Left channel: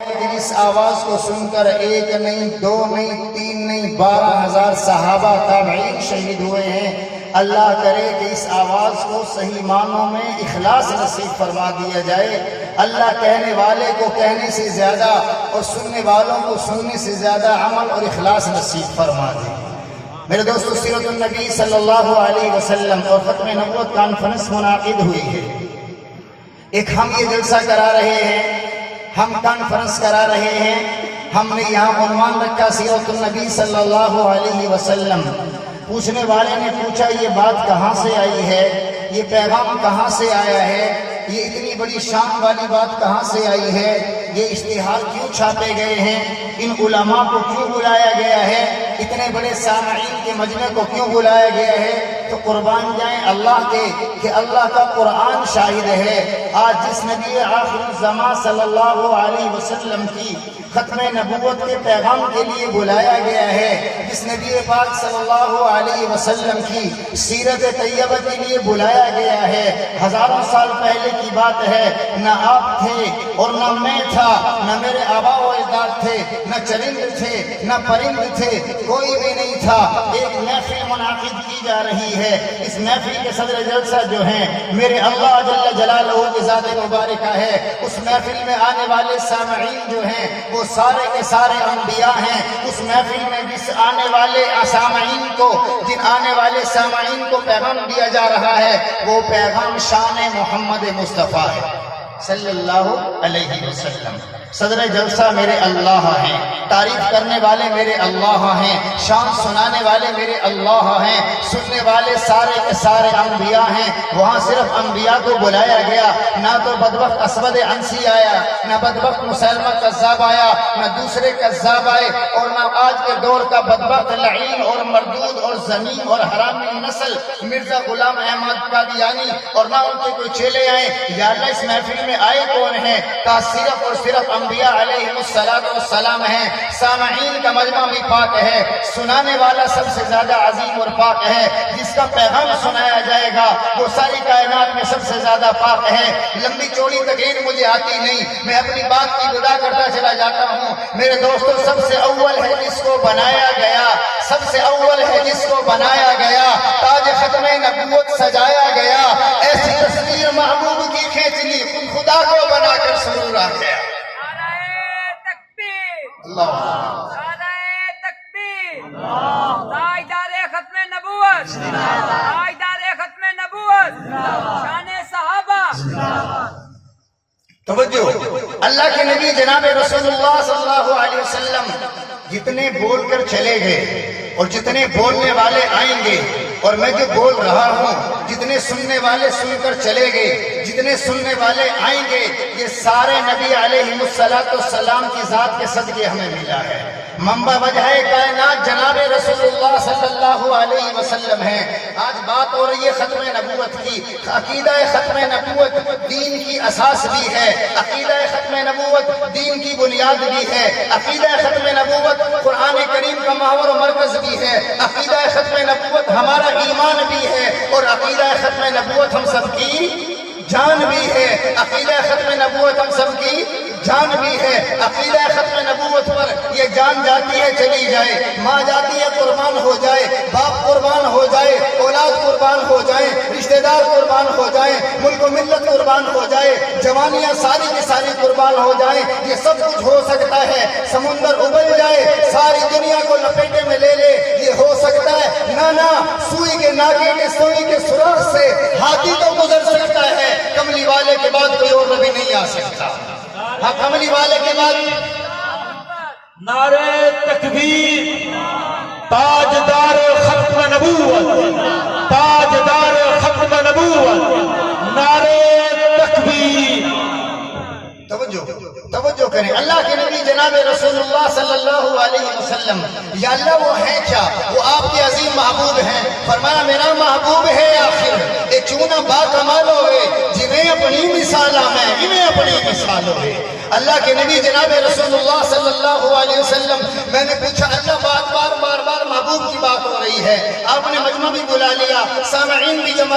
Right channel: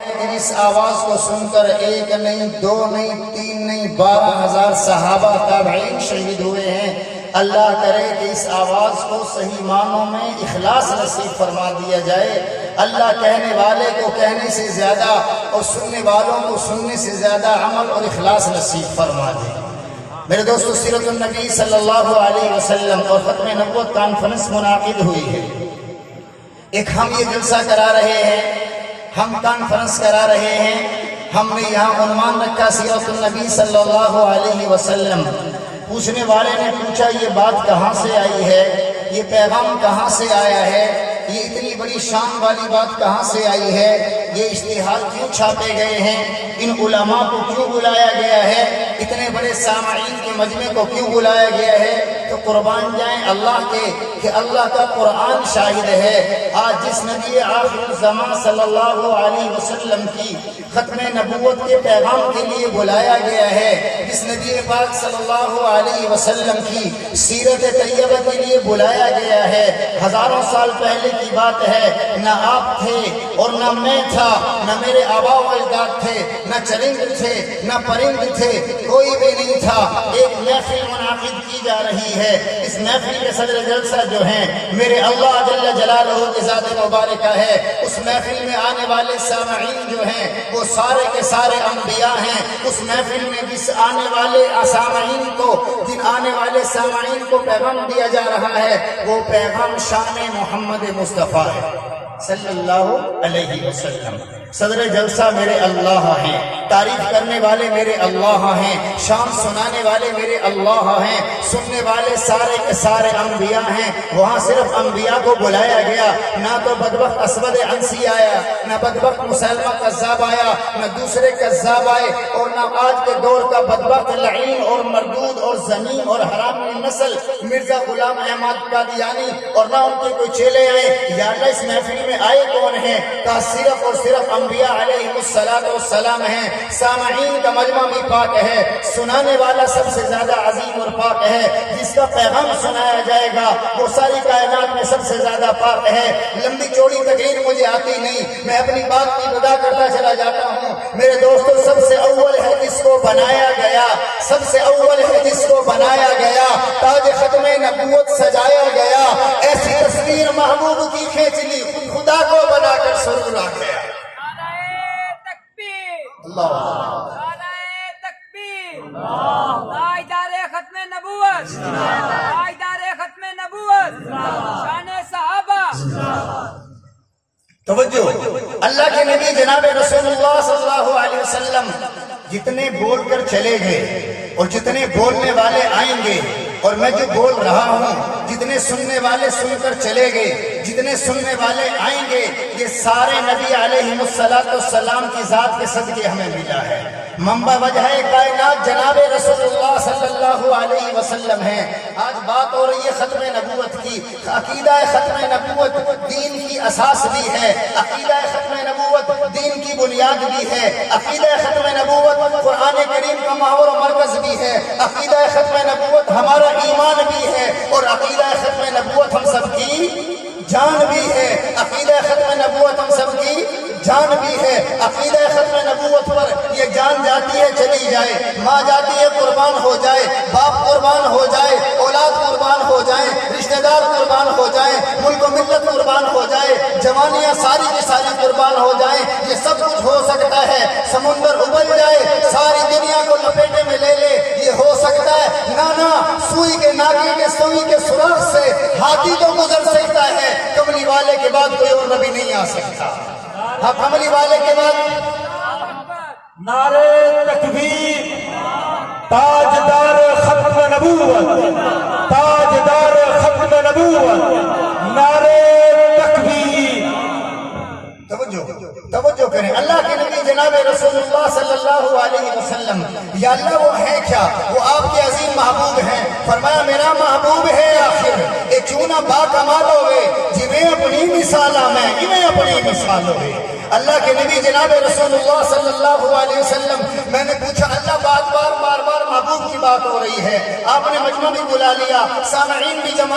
اس آواز کو سن کر ایک نہیں، دو نہیں، تین نہیں، 12,000 صحابہ تابعین شہید ہوئے ہیں۔ اللہ کرے کہ اس آواز کو صحیح معنوں میں اخلاص نصیب فرما دیا جائے۔ اللہ کہنے والے کو کہنے سے زیادہ اور سننے والوں کو سننے سے زیادہ عمل اور اخلاص نصیب فرما دے۔ میرے دوستو، سیرت النبی صلی اللہ علیہ وسلم اور ختم نبوت کانفرنس منعقد ہوئی ہے۔ ایک ہم یہ جلسہ کرا رہے ہیں، ہم کانفرنس کرا رہے ہیں۔ ہم نے یہاں عنوان رکھا سیرت النبی صلی اللہ علیہ وسلم۔ پوچھنے والے نے پوچھا یہ بات کہاں سے آئی ہے، یہ پیغام کہاں سے آیا ہے، یہ اتنی بڑی شان والی بات کہاں سے آئی ہے، یہ اشتہار کیوں چھاپے گئے ہیں، ان علماء کو کیوں بلایا گیا ہے، اتنے بڑے سامعین کے مجمع کو کیوں بلایا گیا ہے؟ تو قربان جائیں اللہ کے کہ اللہ کا قرآن شاہد ہے۔ آج جس نبی آخر الزمان صلی اللہ علیہ وسلم کی ختم نبوت کے پیغام کے لیے بلایا گیا ہے، جس نبی پاک صلی اللہ علیہ وسلم کی سیرت طیبہ کے لیے بلایا گیا ہے، ہزاروں سال پہلے کی بات ہے۔ نہ آپ تھے اور نہ میں تھا، نہ میرے آبا و اجداد تھے، نہ چرند تھے، نہ پرند تھے، کوئی بھی نہیں تھا۔ ایک محفل منعقد کی جا رہی ہے۔ اس محفل کے صدر جلسہ جو ہیں میرے اللہ جل جلالہ کی ذات مبارکہ ہے۔ اس محفل میں آنے والے سامعین جو ہیں وہ سارے کے سارے انبیاء ہیں۔ اس محفل میں جس آنے والے سامعین کو پیغام دیا جا رہا ہے وہ پیغام شان محمد مصطفیٰ ہے صلی اللہ علیہ وسلم۔ صدر جلسہ میرے اللہ ہیں، تعریف کرنے والے میرے اللہ ہیں، شان سنانے والے میرے اللہ ہیں، سننے والے سارے کے سارے انبیاء ہیں۔ وہاں صرف انبیاء کو بلایا گیا، نہ تو بدبخت اسود عنسی آیا، نہ بدبخت مسلمہ کذاب آیا، نہ دوسرے کذاب آئے، اور نہ آج کے دور کا بدبخت لعین اور مردود اور زمین اور حرامی نسل مرزا غلام احمد قادیانی، اور نہ ان کے کوئی چیلے آئے۔ یا اللہ اس محفل میں آئے کون ہیں؟ کہا صرف اور صرف انبیاء علیہ السلام ہیں۔ سامعین کا مجمع بھی پاک ہے، سنانے والا سب سے زیادہ عظیم اور پاک ہے، جس کا پیغام سنایا جائے گا وہ ساری کائنات میں سب سے زیادہ پاک ہے۔ لمبی چوڑی تقریر مجھے آتی نہیں، میں اپنی بات کی ابتدا کرتا چلا جاتا ہوں۔ میرے دوستو، سب سے اول ہے جس کو بنایا گیا، سب سے اول ہے جس کو بنایا گیا، تاج ختم نبوت سجایا گیا، ایسی تصویر محبوب کی کھینچ لی، خدا کو بنا کر سرور آ گیا۔ اللہ تکبیر، تاجدار ختم نبوت، تاجدار ختم نبوت، شان صحابہ۔ توجہ، اللہ کے نبی جناب رسول اللہ صلی اللہ علیہ وسلم جتنے بول کر چلے گئے اور جتنے بولنے والے آئیں گے، اور میں جو بول رہا ہوں جتنے سننے والے سن کر چلے گئے، جتنے سننے والے آئیں گے، یہ سارے نبی علیہ السلام کی ذات کے صدقے ہمیں ملا ہے۔ منبع وجہ کائنات جناب رسول اللہ صلی اللہ علیہ وسلم ہیں۔ آج بات ہو رہی ہے ختم نبوت کی۔ عقیدہ ختم نبوت دین کی اساس بھی ہے، عقیدہ ختم نبوت دین کی بنیاد بھی ہے، عقیدہ ختم نبوت قرآن کریم کا محور و مرکز بھی ہے، عقیدہ ختم نبوت ہمارا ایمان بھی ہے، اور عقیدہ ختم نبوت ہم سب کی جان بھی ہے۔ عقیدہ ختم نبوت ہم سب کی جان بھی ہے۔ عقیدہ ختم نبوت پر یہ جان جاتی ہے چلی جائے، ماں جاتی ہے قربان ہو جائے، باپ قربان ہو جائے، اولاد قربان ہو جائیں، رشتہ دار قربان ہو جائیں، ملک و ملت قربان ہو جائے، جوانیاں ساری کی ساری قربان ہو جائیں، یہ سب کچھ ہو سکتا ہے۔ سمندر ابل جائے، ساری دنیا کو لپیٹے میں لے لے، یہ ہو سکتا ہے۔ نانا سوئی کے ناکے کے سوئی کے سوراخ سے ہاتھی تو گزر سکتا ہے، کملی والے کے بعد کوئی اور نبی نہیں آ سکتا۔ ہاں، کملی والے کے بعد نعرے تکبیر، تاجدار ختم نبوت، تاجدار ختم نبوت، نعرے تکبیر۔ توجہ کریں، اللہ کے نبی جناب رسول اللہ صلی اللہ علیہ وسلم، یا اللہ وہ ہیں کیا؟ وہ آپ کے عظیم محبوب ہیں۔ فرمایا میرا محبوب ہے آخر اے کیوں نہ با کمال ہوئے، جنہیں اپنی مثالہ میں انہیں اپنی مثال ہوئے۔ اللہ کے نبی جناب رسول اللہ صلی اللہ علیہ وسلم، میں نے پوچھا اللہ بار بار محبوب کی بات ہو رہی ہے، آپ نے مجمع بھی بلا لیا، سامعین بھی جمع